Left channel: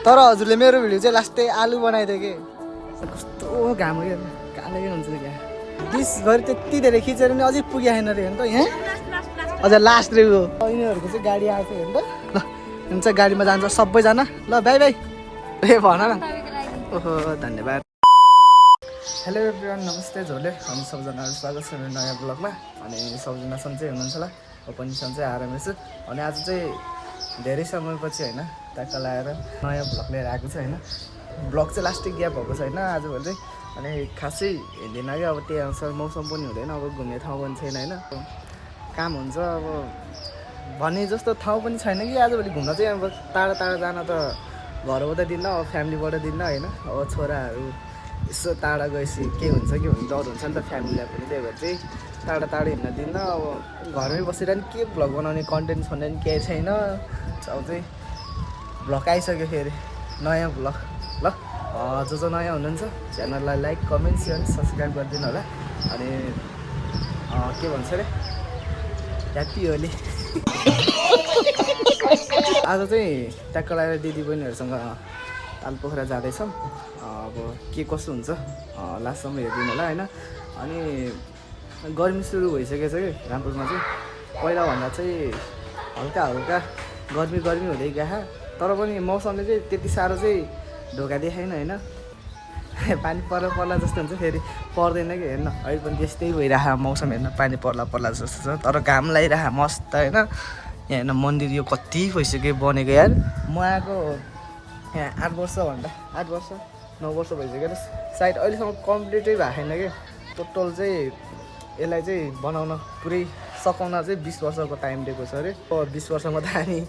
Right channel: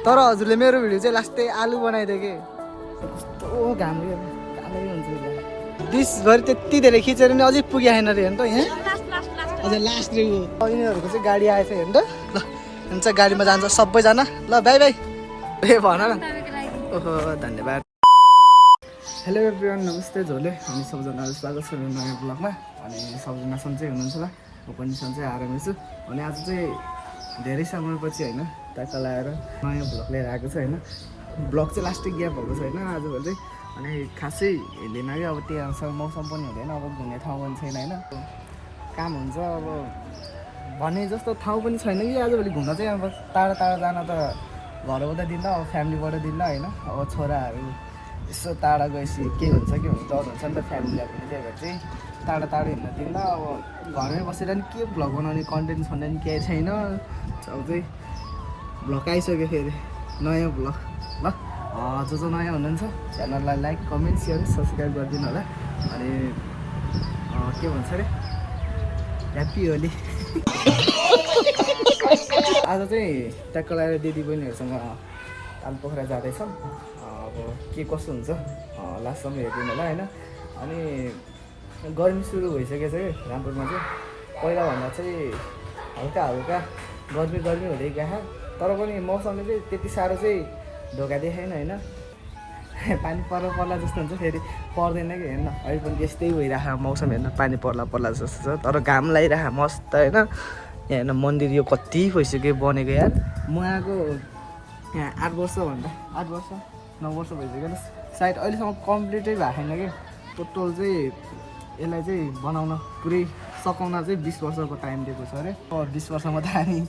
तर हजुरले मेरो भिडियो चाहिँ लास्टै आलु बनाइदियो कि कस्तो घाम कालै हुन्छ नि क्या दिसभरि त्यति धेरै खिचेर नि अझै पुगेन रे हेर्नु त यहाँ अझ लास्ट रे यिनीहरूको चाहिँ गाडी आएछ हेर्नु त ल हुन्छ गाडीमा जान्छ सबैजना ल बाई बाई ए भन न ओहो धन्यवाद हेलो एभ्रिवान नमस्ते झोले हामी सबैजनालाई स्वागत छ मेरो नयाँ ब्लगमा अनि सबैजना सन्चै हुनुहुन्छ होला म पनि सन्चै आरामै छु अनि आज चाहिँ धेरै समयपछि होइन ट्याक्क लगाएर नयाँ ब्लग लिएर आएको छ होइन ब्लग चाहिँ लास्टै ग्याप भएको छैन आजभोलि चाहिँ अनि खासै हिँड्दैन कि अब त्यही अनुसार मौसम पनि हुँदैन अब घुम्ने ठाउँ पनि छैन होइन काम हुन्छ अब भने जस्तो ठाउँ पनि छैन कि आजभोलि घुम्न चाहिँ अब टाढा टाढा जान त घरबाट दिन्न अब फ्यामिलीबाट दिन्न होइन अब छोराहरू यसो टाढा गएपछि के हुन्छ के हुनु डर हुन्छ नि त फ्यामिलीलाई पनि त्यही भएर चाहिँ टाढा टाढा हिँड्न दिन्न अब घरमै बसेर नि के भ्लग बनाउने कन्टेन्ट छँदैन केही छैन अब चाहिँ भ्लग आइसक्यो फेरि नयाँ भ्लग ल जो नयाँ हुनुहुन्छ च्यानललाई लाइक कमेन्ट सेयर सब्सक्राइब गरिदिनु होला अनि के भन्छ अरे ह्याप्पी होली आज चाहिँ ट्याक्क लगाएर दिदी बहिनीहरूसँग तालपोखरा जाँदैछौँ अब के कसो हुन्छ लास्टसम्म हेरिदिनु होला होइन अनि गर्मी सुरु भइसकेको छ कि रामपुरमा चाहिँ पहिलाभन्दा चाहिँ हल्का हल्का गर्मी हुँदै गएको तर पनि मौसमले चाहिँ त्यति साह्रो चाहिँ ढोका देखाएन होइन पानी पर्ला जस्तो हुन्छ फेरि पर्दैन कि हेर्न अहिले पनि त्यस्तै भइरहेको मौसम हेर्न पानी पर्ला जस्तो छ तर घाम लगाइरहेको मस्त होइन यहाँ हेर्न मन्दिर यो कति भइसक्यो बनेको यार म आएको यहाँ 8 वर्ष 9 वर्ष भइसक्यो सायद अहिलेसम्म कम्प्लिटै भएको छैन कि टोटल चाहिँ यसलाई चाहिँ बनाउन पुरै सकाउन चाहिँ 20 वर्षको टाइम दिएको छ अरे 20 वर्षमा त हामी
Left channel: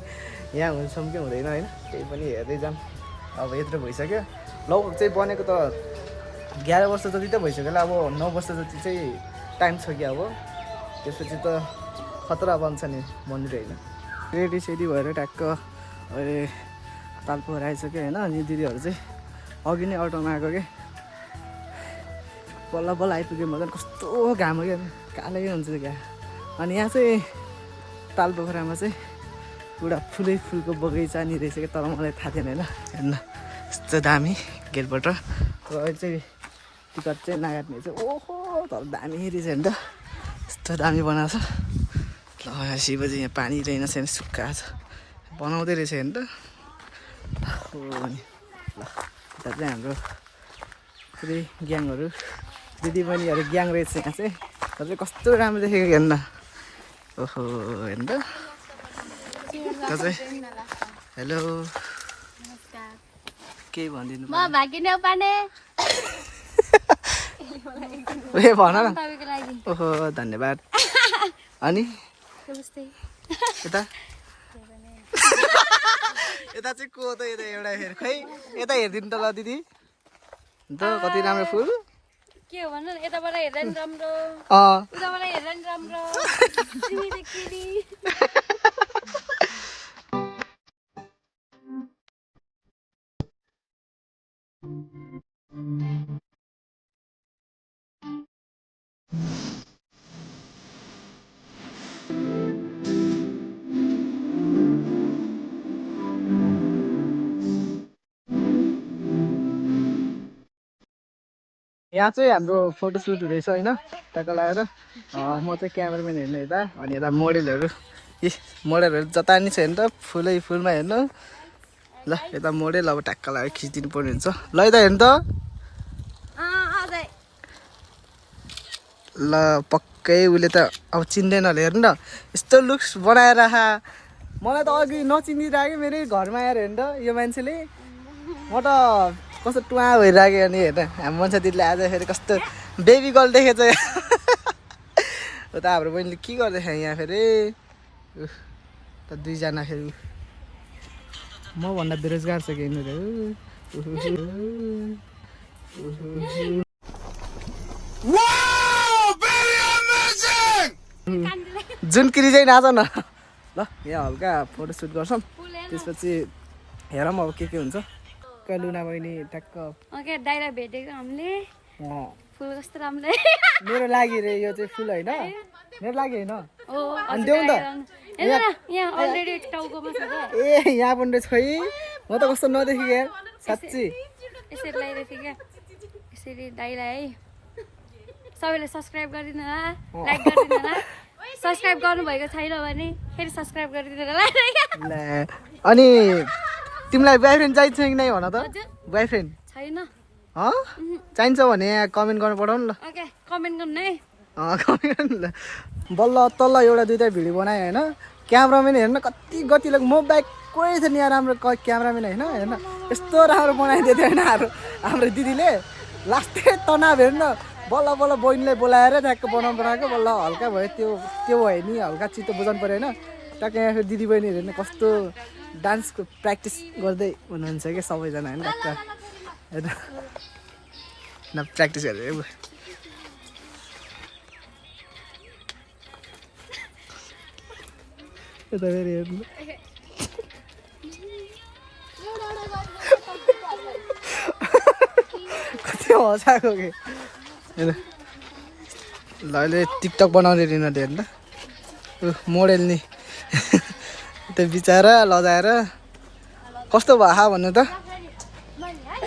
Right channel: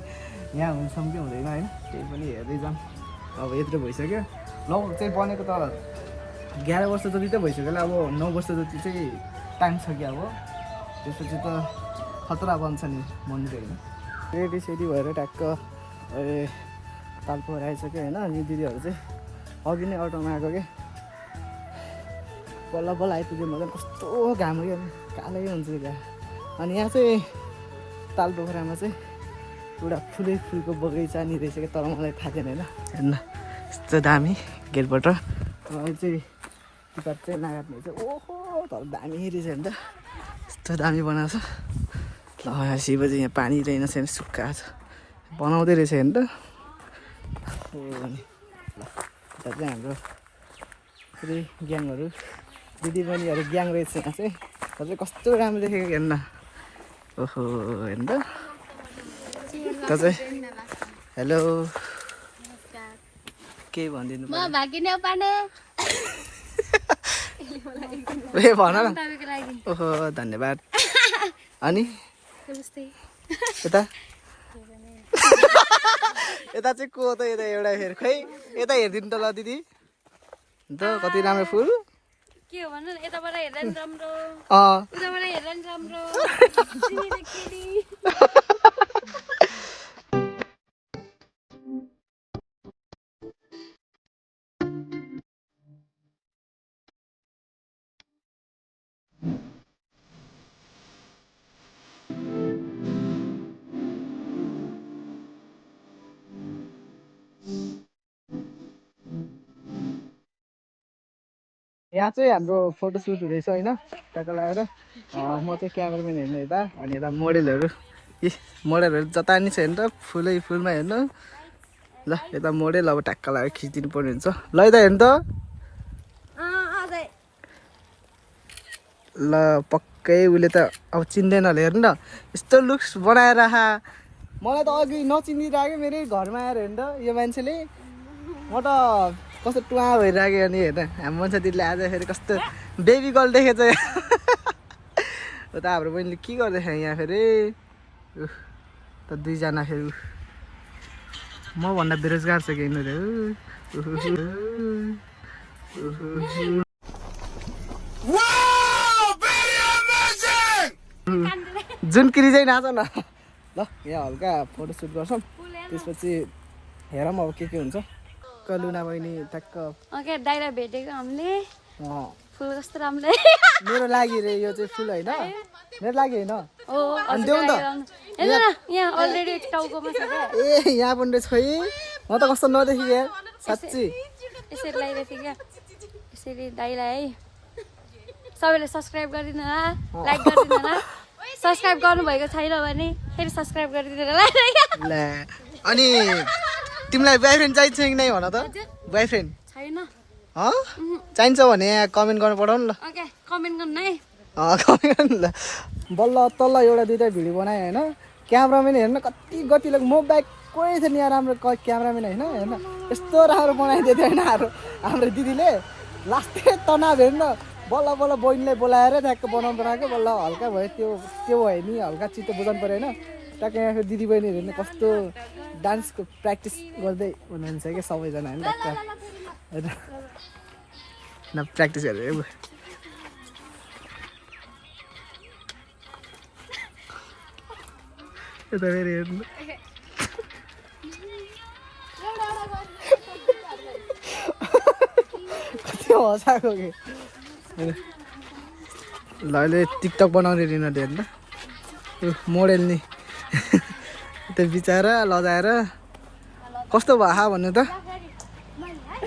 यहाँ हुन्छौँ कि हुँदैन होइन त्यही पनि हेर्दै जाऊँ अब यत्रो भइसक्यो लौ चाहिँ बनेको त 11 वर्ष जति त भइसक्यो होला अब 9 वर्ष जति चाहिँ टाइम छ कि अब त्यसपछि त खतरा बन्छ नि मन्दिर होइन रेडी सेडी भएर ट्याक्क तालपोखरा आइसक्यो होइन अनि दिदीहरू चाहिँ अघि नै अटोमा आएको कि बल्ल आइपुग्यो मतलब कस्तो घाम हो क्या कालै हुन्छ क्या अनि यहाँ चाहिँ तालपोखरामा चाहिँ पुरा फुलको बगैँचा नि रहेछ क्या तर मलाई थाहा थिएन होइन हेर्न यस्तो दामी गेटबाट र अहिले चाहिँ टिकट चाहिँ नकाट्ने चाहिँ ओहो तर दामी रहेछ हेर्नु त यस्तो दामी बनाएको छ ल शिव चाहिँ यहाँ पानी रहेन छैन सुक्खा छ बनाउँदै रहेछ हेर्नु त हो नि ल यता चाहिँ हाम्रो पुरै ग्याङहरू दिदीबहिनीहरू ग्याङ रहेछ यहाँ चाहिँ तर कस्तो राम्रो देखेको हेर्न ओहो हेर्नु त चाहिँ हेलो के भनिदिनु म भागिने पाने ए भन न ओहो धन्यवाद अनि यता यता चाहिँ को त यता एउटा हेर खै यता हेरिदिनु त ल दिदी त कति राम्रो फुल के हो भन्नु यताबाट हेर्दा नि राम्रो उताबाट हेर्दा नि राम्रो यहाँ चाहिँ हाम्रो फोटोसुट हुँदैछ होइन ट्याक्क लगाएर म चाहिँ क्यामेराम्यान हेर्नु यता अनि यता मोडेलहरू जता नि छ हेर्नु त फुलमा हेर्नु ल यता मोडेल अब ट्याक्क लगाएर खिचिदिनु पर्ने हुन्छ ल यता हेर्नु त ल पक्कै उसले त अब चिन्दैन होला हेर्नु न यस्तो लुक्स बनाएर मलाई त अघि नचिनिरहेको मेरै घरमा आएर हेर्नु त यो मान्छेले म त कस्तो टुवा भइरहेको अनि हेर्न हाम्रो मान्छे दिदीले आज फेरि कस्तो बेबी गर्ल देखेछ उता हाम्रो बहिनीले के गर्दैछ यहाँ फेरि त दुईजना फेरि मभन्दा बेरोजगार छ कि यिनीहरू जुनकिरी चाहिँ नाच न ल यहाँ हल्का फोटोसुट गर्छौँ त्यसपछि हेरौँ अब के हुन्छ लुना बहिनी ट्याक्क ओके दाइरा भेटेको हामीले फुल कस्तो राम्रो मेरो लागि रे यो चाहिँ फुल होइन मेरो लागि होइन अनि देऊ नि त यहाँ अलरेडी टाउकोमा छ ए यहाँ पनि रहेछ खै म त कस्तो नदेखि यार साँच्ची यसरी लगाइरहेको थिएँ क्या यसरी दाइलाई है सबैले सब्सक्राइब गरिदिनु लाइक गरिदिनु सब्सक्राइब गर्नुभएको छैन भने फेरि सब्सक्राइब गरिदिनु ला अनि तिमीलाई बोयफ्रेन्ड चाहिन्छ कि नै भन त बोयफ्रेन्ड छैन चाहिन्छ भने कमेन्ट गर्न पठाउनु ल ओके कमेन्ट गर्नु है कमेन्ट गर्नु ल बल्ल तल्ल एउटा दुइटा भिडियो बनाएँ होइन क्यामराम्यान हेर्न कति गतिलो म बाइक कोही थियो नि यहाँ राम्रो क्यामराम्यान होइन हेर्न यस्तो राम्रो बनाइदिएको थियो होइन हाम्रो दिदीले लास्टै तनाव हेर्न बल्ल बल्ल बहिनीलाई बोलाएर ट्याक्क बनाएको बल्ल हल्का भयो त्यो भयो नि हल्का चित्त बुझाउनु पऱ्यो होइन ट्याक्क यहाँ दिदी बहिनीहरू हेर्नु कस्तो डान्सको प्र्याक्टिस गर्दै हुनुहुन्छ कि सबैजना होइन होइन न प्र्याक्टिस गरेर यता फेरि हेर्नु कति हँसाएको कि ल अहिले टिकटक बनाउने रिनाले हेर्नु त मोडेल नि त्यो बिचरा लजाएर कस्तो भयो भन्नु त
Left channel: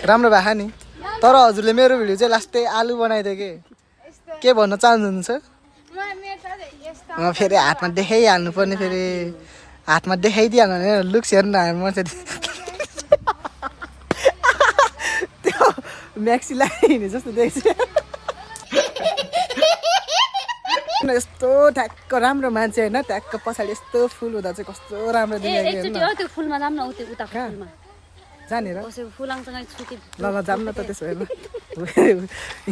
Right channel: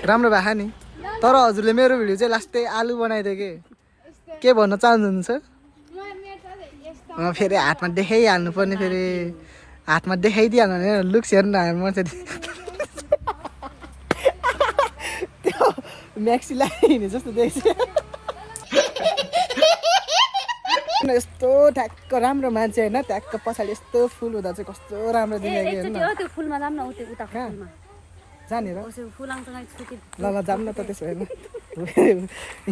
राम्रो भएको नि तर हजुरले मेरो भिडियो चाहिँ लास्टै आलु बनाइदियो के भन्न चाहनुहुन्छ फेरि हातमा देखाइहाल्नु पर्ने फेरि हातमा देखाइदिइहाल्नु भने लुक्स हेर्नु हामी मान्छे त्यो म्याक्सी लगाइने जस्तो देख्छ यस्तो ठ्याक्क राम्रो मान्छे होइन ट्याक्क पछाडि यस्तो फुल हुँदा चाहिँ कस्तो राम्रो देखेको जानेर ल जाऊँ न त त्यसो होइन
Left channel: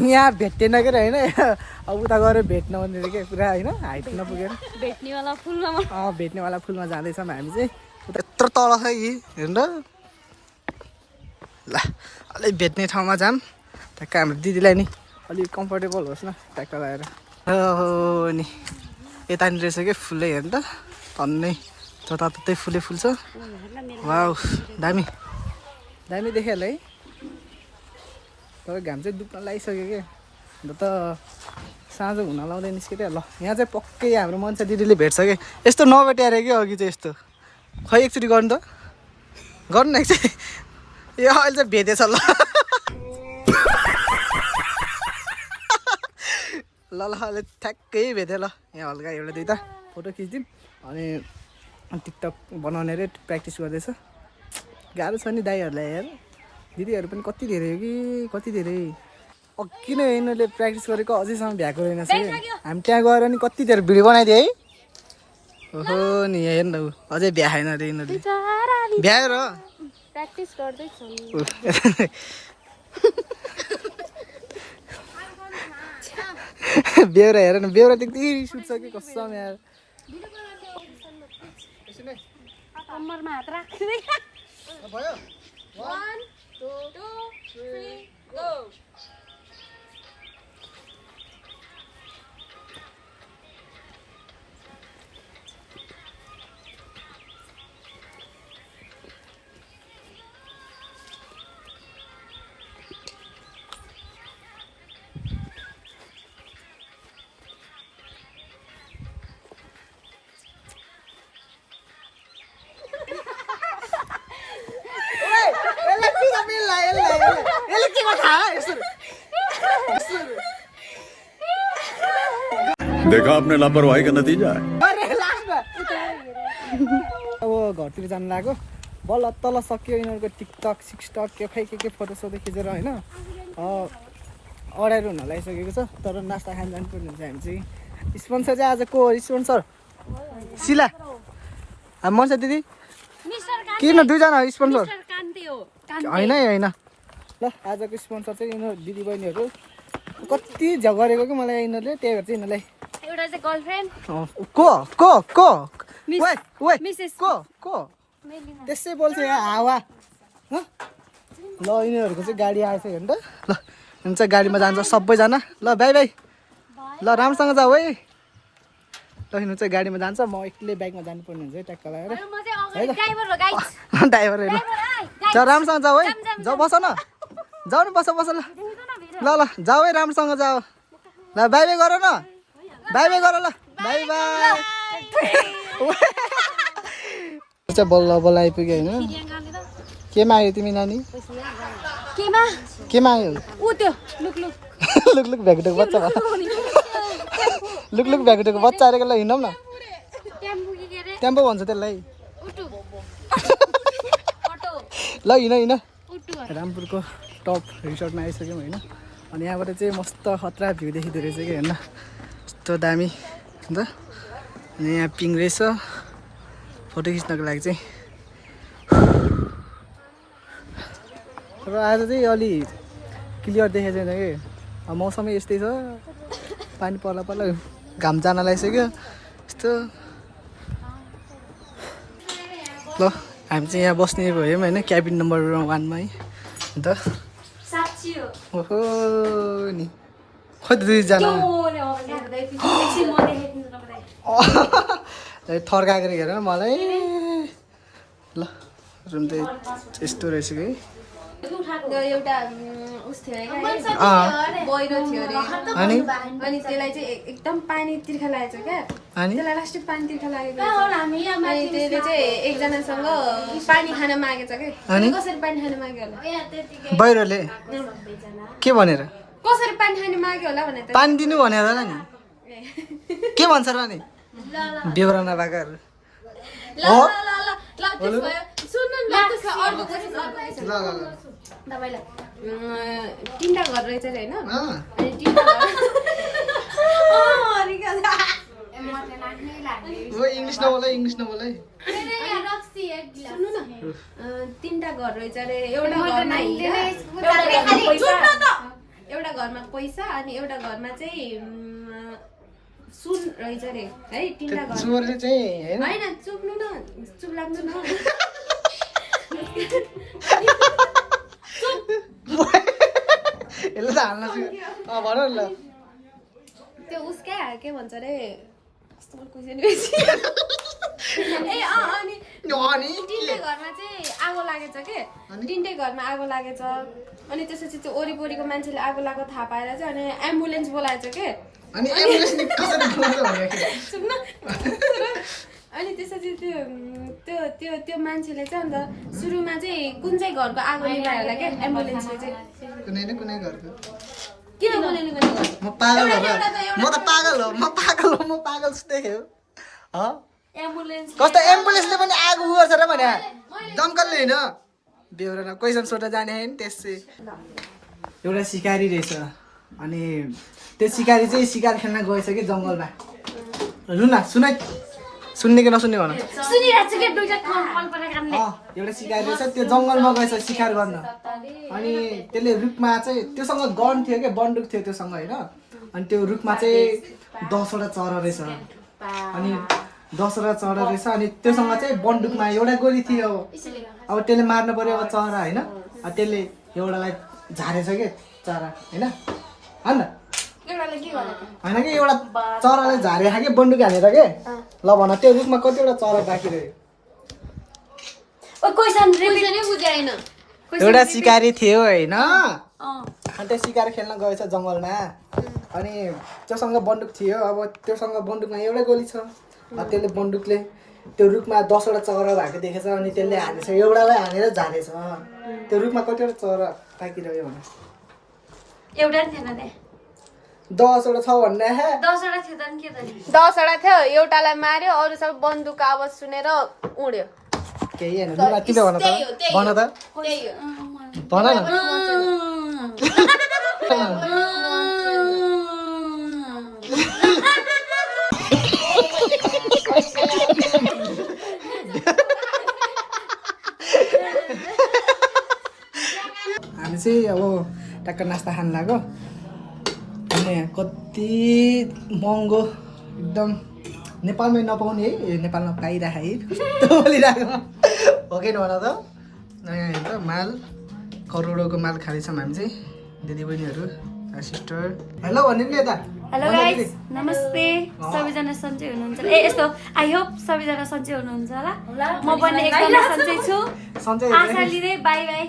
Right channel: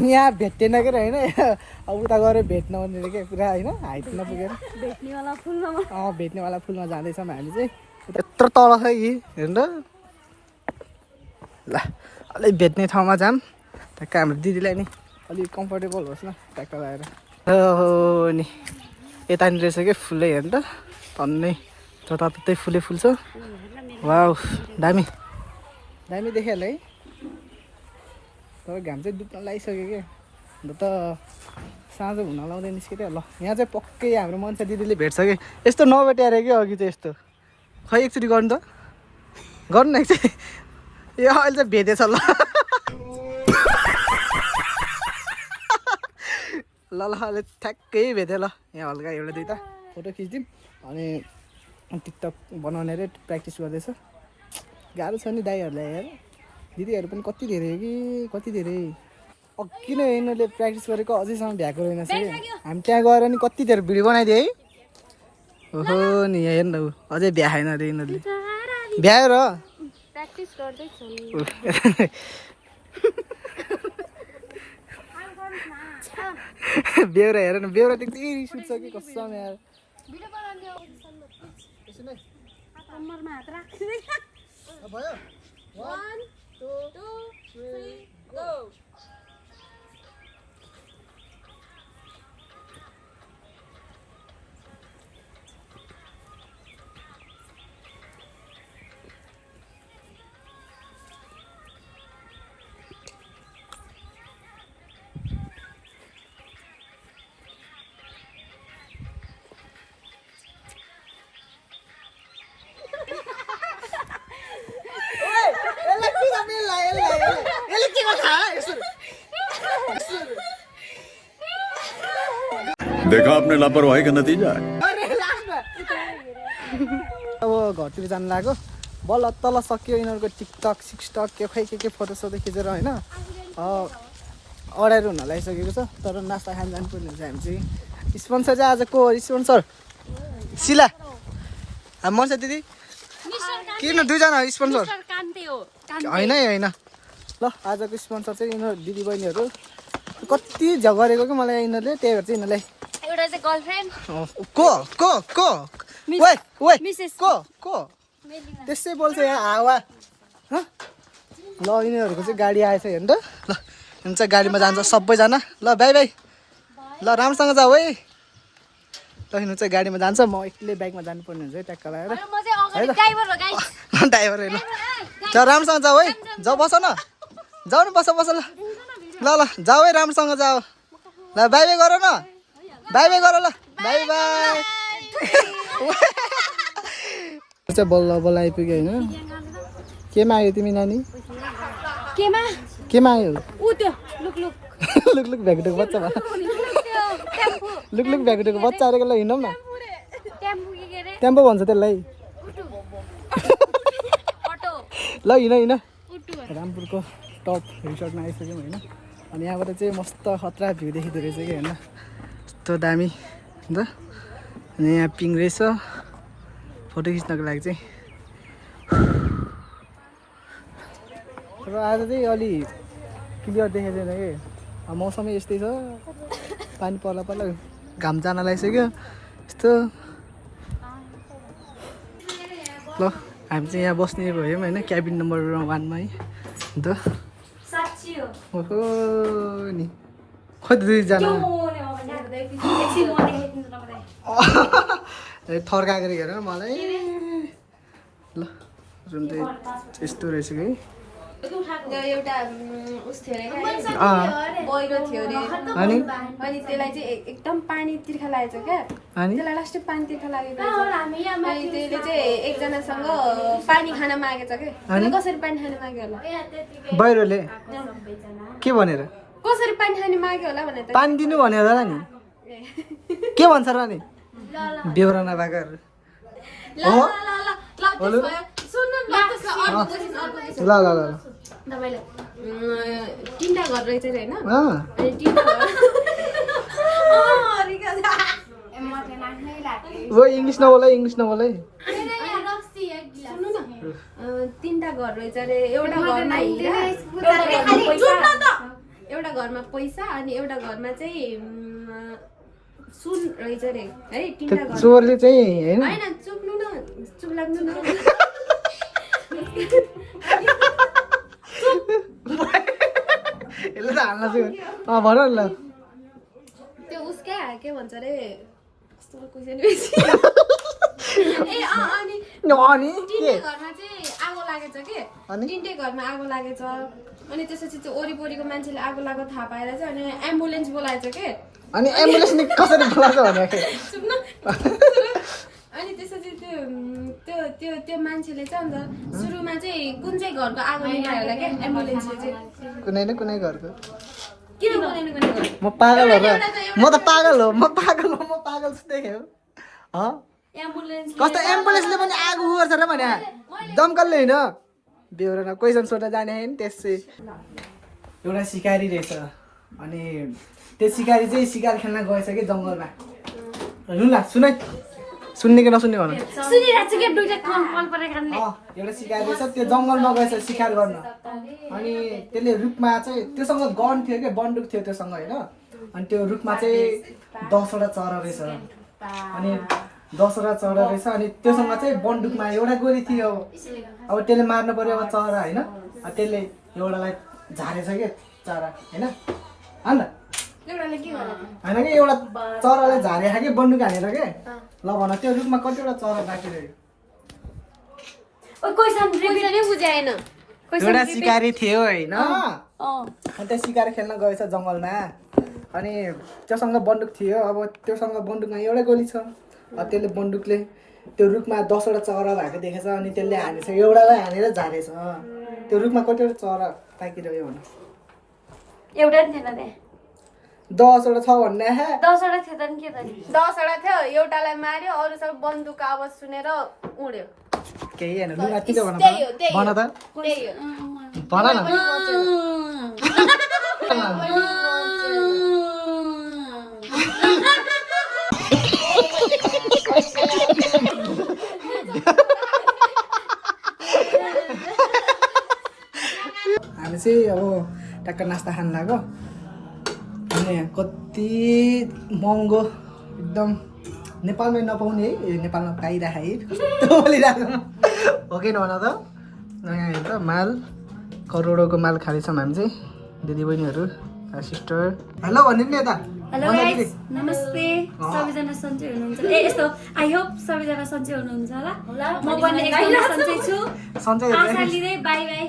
यहाँ भेटेन के होइन अब उता गएर भेट्न भनेर के पुरा होइन हाइट नपुगेर भेट्नेवाला फुलमा जाँदैछौँ हामी चाहिँ यत्रो तल छ यी हेर्नु ल अलिक भेट्ने ठाउँमा जाऊँ ट्याक्क हाम्रो दिदीलाई नि अलिक कम्फर्टेबल होस् न ट्याक्क लगाएर नि यतानिर रहेछ कि फुलै हेर्नु त टन्नै जताततै फुलै फुल छ वाउ दामी दामी देखिहाल्यो है तर घाम चाहिँ डुब्न लागिसक्यो कि अन्त त साँझ हुन लाउँदै निस्केर ल यहाँ चाहिँ पक्कै हाम्रो मान्छे दिदीले भेट्छ कि यस्तो नभेट्याएर कि अघि चाहिँ यस्तो खै एकचोटि गर्नु त गर्नु न एकचोटि ए अहिले चाहिँ भेटेछ ल ल ल अहिले ठ्याक्कै भेटेँ ल यहाँ हल्का एउटा दुइटा फोटो खिचिदिउँ अनि टिकटक बनाउने रे प्र्याक्टिस गर्दैछ गाह्रो छ नि दाइहरूलाई हेर दिदीहरू पनि कति धेरै कि कति धेरै अघि नै यिनीहरूले प्र्याक्टिस गरेको अझैसम्म भ्याएको रहेनछ कि हामी त्यहाँ गएर नि कति धेरै भिडियो बनाइदियो है ओहो नि यहाँ हेर्नु अझै भ्याएन अरे यिनीहरूले भ्यायो र बेहुरा हेर न बेहुरा देख्दै सुत्छ कि कसम यार भयो 1 2 3 गो देखा आपने लापरवाही का नतीजा है अब घरतिर जानु लाग्यो बल्ल तल सक्यो यिनीहरूको टिकटक सिक्सटक के खै के फोटोसोटो खिचेर होइन अडाइरो हुन लागिसकेको छ तर नास्ता खान जानुपर्ने हुन्छ हामी चाहिँ स्पोन्सर चाहिँ आज को स्पोन्सर सिला हामी मर्छ दिदी किन दुईजना स्पोन्सर होइन होइन ल आजको स्पोन्सर चाहिँ यिनीहरू दिदी बहिनीहरू कति झगरेको कि मलाई यिनीहरूले त्यही भएर चाहिँ यिनीहरूलाई एउटा चाहिँ गर्लफ्रेन्ड को त्यसै बोल्छ यहाँ हावा ल यिनीहरूको चाहिँ गाडी आएछ हेर्नु त ल यिनीहरू चाहिँ गाडीमा जान्छ सबैजना ल बाई बाई ल राम्रोसँग जाऊ है ल यिनीहरू चाहिँ गाडीमा जान्छ म एक्लै बाइकमा जानुपर्ने हुन्छ है ट्याक्क लगाएर है ल ड्राइभर है ल ल राम्रोसँग जाऊ है जाऊ बस न जाऊ न बस ल ल ल जाऊ है राम्रोसँग जाऊ ल बाई बाई गर न बाई बाई गर ल बाई बाई चाहिँ बल्ल बल्ल आइपुग्यो होइन के माग्यो तिमी नानी केमा के माग्यो ऊ त्यो लुक लुक लुक लुक भ्याकुटोको बच्चा भयो लुक लुक भ्याकुटोको बच्चा अरेको ल हिँडौँ न टेम्पो के अरे टेम्पो भन्छ त्यसलाई उटु ल हिँड हिँड उटु रामपुरको टप रिसोर्टमा आइसक्यौँ होइन अनि यहाँबाट चाहिँ मस्त खतरा भ्यू देखिँदो रहेछ कि होइन यस्तो दामी अन्त अनि यहाँ पिङ रहेछ फोटो खिच्नको लागि चाहिँ र आज चाहिँ अलि क्लियर देखेको छैन कि मौसमै यस्तै छ पानी पर्ला पर्ला घाम जान लागिसक्यो यस्तो ल हामी चाहिँ यहाँ बस्ने भयौँ होइन क्याबिन नम्बर 1 मा है अन्त साच्ची हो ओहो नि खोइ दुईजना थर्काएको हेर मलाई ल रुम चाहिँ यस्तो रहेछ कि एउटा उस थियो बहिरो थियो अरे अनि अनि त्यसलाई चाहिँ एकदम पानी तिर्खा लागेको छ क्या अनि त्यसलाई लास्टै पानी तिर्खा लागेको अनि त्यसले चाहिँ एकजनासँग पानी खान मागेछ क्या अनि कसरी पानी खान माग्यो होला बाहिरले के भनेर कसरी पानी खान माग्यो होला भनेर त पानी दिनु भनेर होला नि के भन्छ र नि बेहोरा नभएकाहरू हो सुन्नु न त्यसलाई अर्को क्वेसन अर्को ल ल ल तपाईँलाई 3टा घर रहेछ अरे होइन अँ अनि 3टा घर वो इङ्ग्लिस नबोल है इङ्ग्लिस नबोल है सुन्नु न 3टा घर रहेछ अरे एउटा घरमा पैसा अनि एउटा घरमा चाहिँ सुन रहेछ अरे है 3टा घर चोरले चाहिँ होइन होइन चुक्नु न चुक लाग्नु न यसले त हाल्न चाहिँ भन न त्यो उसकै के भन्छ अरे कस्तो क्वेसन ए अनि अनि तिनटै घरमा चाहिँ आगो लागेछ के तिनटै घरमा आगो लागेछ अनि त्यसपछि त्यो वरिपरिको मान्छेले आगो लागेको थाहा पाएर चाहिँ अनि एम्बुलेन्स बोलाएछ के अनि एम्बुलेन्स कसरी बोलाउँछ भनेको सुन्न अनि त्यसपछि त्यो त्यो त्यो मान्छेले चाहिँ अन्त सुरुमा चाहिँ कुन चाहिँ घरको आगो निभायो होला क्या एम्बुलेन्सले चाहिँ कुनै न कुनै घरको किन बोलेन कुनै घर म पागल हो म त पागल हो म पागल देखेँ हो एम्बुलेन्स कस्तो एम्बुलेन्सले पनि आगो गर्छ र भने दमकलले होइन बेहोरा क्वेसन सोध्न जाने होइन त्यसै एउटा सिकारी रहेछ अनि त्यो सिकारी चाहिँ सिकार खेल्न गएछ कि जङ्गलमा रुन सुन सुन्ने कि नसुन्ने भन सुनिरहेको छु के दुईटा कल परेकाले एउटा सिकारी रहेछ त्यो जङ्गलमा गएछ शिकार गर्न अनि त्यसले रुखमा चाहिँ त्योसँग गन थियो क्या बन्दुक थियो त्योसँग होइन अनि त्यो रुखमा चाहिँ 10वटा चरा रहेछ अनि 10वटा चरा रहेछ अनि त्योसँग चाहिँ बन्दुकमा एउटा गोली थियो अब त्यसले मार्नु पर्यो अब चरा होइन त्यसले एउटालाई झारेछ कि चरा होइन होइन होइन कि एउटा चरालाई झारे कि बन्दुक हानेर के ल भन त्यो रुखमा कतिवटा चरा बाँकी रह्यो एउटा सिकारी थियो होइन अनि त्यो सिकार खेल्न गएछ जङ्गलमा अनि त्योसँग बन्दुक थियो अब त्योसँग बन्दुकमा एउटा गोली छ त्यसले बन्दुकले त्यो रुखमा 10वटा चरा भएको देखेछ अनि त्यसले हानेछ एउटालाई हानेर झारेछ त्यो रुखमा कतिवटा चरा बाँकी रह्यो भने एउटा नि थिएन त्यहाँ 10वटा छ भन्ने 10वटा थियो त नि के त 10वटा थियो एउटालाई मार्यो अरू सब बन्दुकको आवाज सुनेर उड्यो केही होइन लुगा किन भन त भन त भन न हामी चाहिँ अब टक्क नास्ता खान लाग्यो अनि कति महँगो एकदम नेपालमै नपाउने है नेपालमा पाइरहेको है कस्तो बोलिरहेको हो कि नभन त यहाँ हेर त माल करोडौँको माल खाँदैछौँ हामी चाहिँ दिदीबहिनीहरू सिस्टर हेलो भन्नु नि यता हेलो गाइस नमस्ते सबैजना सन्चै हुनुहुन्छ ए यस्तो आई होप सबैजना सन्चै हुनुहुन्छ होला म पनि एकदम सन्चै छु सन्चै आशा लिँदै बाई बाई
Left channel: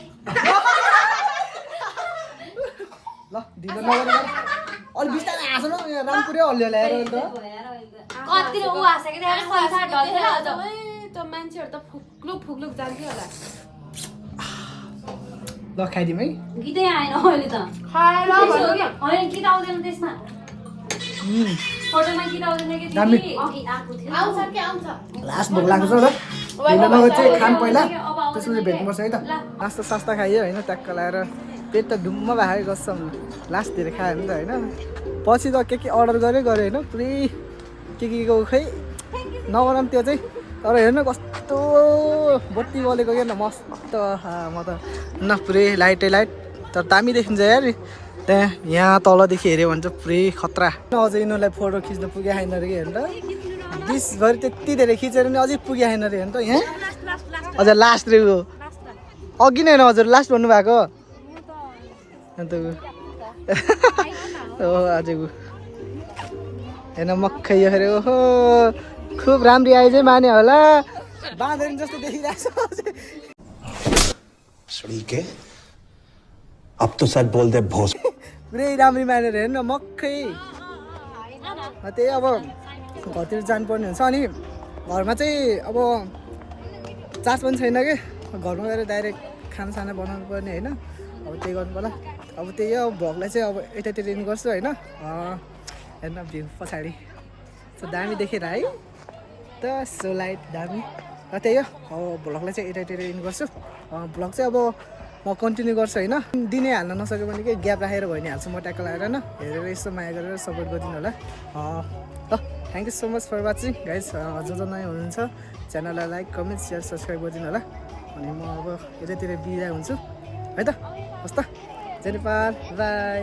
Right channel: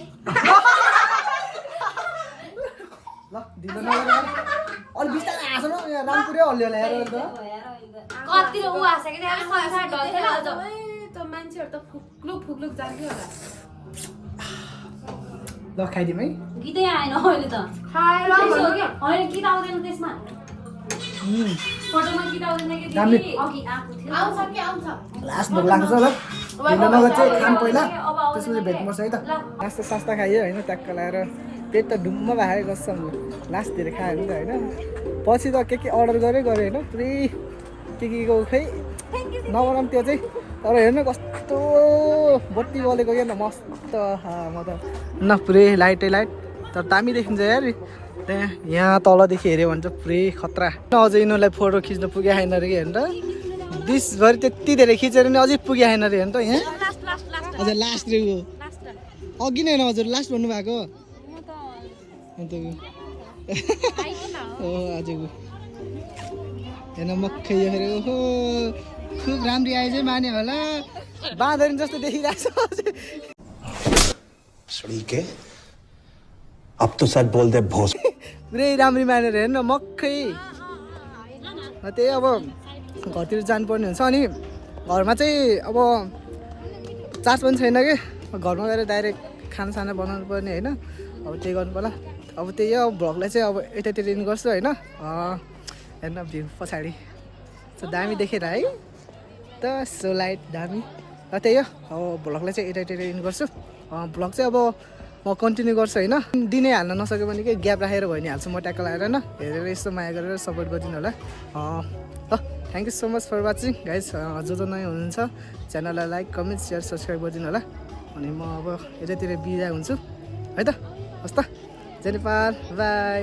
ल ढिलो नगरी अलि बिस्तारै हाँसो न यहाँ रामपुरै हल्लियो होला हेर त कति उ आशा कि संसार ढल्थेन अझ त मान्छेहरू त फुक्लुक जान्थ्यो होला ल खाइदिउँ है गीतै आएन अहिले त खाएर भन्नु क्या होइन गीत आउँदैन त्यसमा फोटोमा गीत आउँदैन कि दामी। अघि आएको थियो आउँछ कि आउँछ लास्ट भोक लाग्छ ल ढिलो नगर्छ चाहिँ खाम पहिला त्यसपछि भेट्नुपर्छ है त नास्ता सास्ता खाइयो होइन ट्याक्क लगाएर पेट त ढुम्म भएको कसम लास्ट धेरै खायो भने त होइन पछि त के अर्डर गरेँ होइन पुरै के खै नगरौँ त्यो चाहिँ तर हेर्नु कस्तो बत्ती बलेको क्या त मस्त म त न पुरै लाइटै लाइट तर दामी देखिन्छ यार त्यहाँ यहाँ तलदेखि हेऱ्यो भने चाहिँ पुरै खतरा अझै यिनीहरूलाई फोटो खिच्न पुगे छैन अरे कि हेर्नु त दिसभरि त्यति धेरै खिचेर नि अझै पुगे छैन अरे हेर्नु त यहाँ हजुर लास्ट रे अघि नै होइन हजुर लास्ट भन्नुभएको अन्त हो आजको हेर्न मक्खै यो फेरि ओहो खुब राम्री आइज माने होला बाँधेर जस्तो देखिरहेको छ अब तो सच बोल दे भोस पुरै राम्री मानेर हेर्नु मक्खै त्यही अब घरतिर जानुपर्ने हुन्छ अनि घरमा चाहिँ अब चार्ज पनि छैन कि घरमा गएर डाइरेक्ट खानासाना बनाउनु पर्ने होइन अब त्यही गर्नु पर्ला अब त्यही हो भ्लगलाई चाहिँ अब यतातिर इन गर्छु होइन हेर्नु भ्यू पछाडि सो दामी देखेर है त सो लाइट दामी र त्यही हो अब भ्लगलाई चाहिँ यतातिर इन गर्छु भ्लग चाहिँ अब म कन्टिन्यू गर्छु होइन दिनै हाल्न नसक्यो भने के ग्याप राखेर भयो नि हाल्छु म ट्याक्क लगाएर होइन हेरेर यस्तो माया गरेर सपोर्ट गरिदिनु होला ल thank you so much for watching guys जो नयाँ हुनुहुन्छ च्यानललाई लाइक कमेन्ट सेयर सब्सक्राइब गरिदिनु होला अनि म अब यतातिर बिदा हुन्छु है त हस् त जय नेपाल बाई